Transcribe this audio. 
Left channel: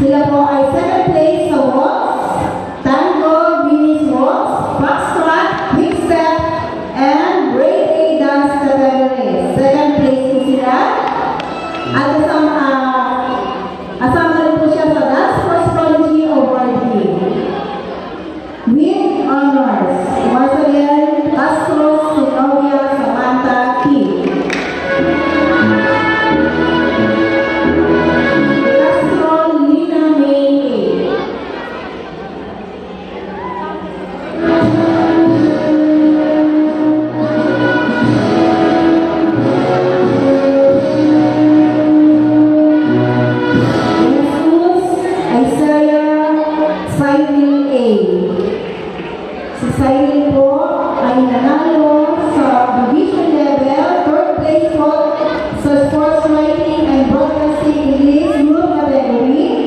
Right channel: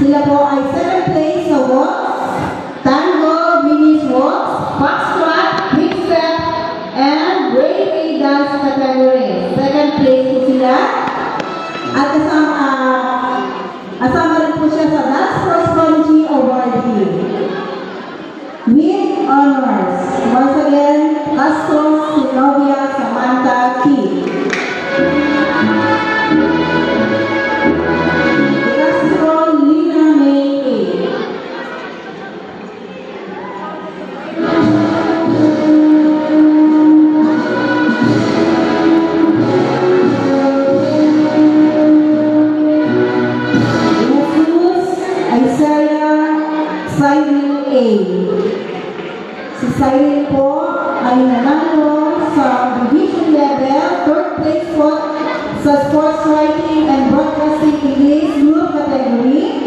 Sila po ay second place sa waltz, tango, Venus waltz, foxtrot, quick step, and breakaway dance category. Second place po sila. At kasama rin po siya sa Dance Sports Prodigy Awardee. With honors, once again, Castro Sinovia Samantha Key. Castro Lina May A. Si Cyril po ay nanalo sa division level, third place po sa sports writing and broadcasting English group category.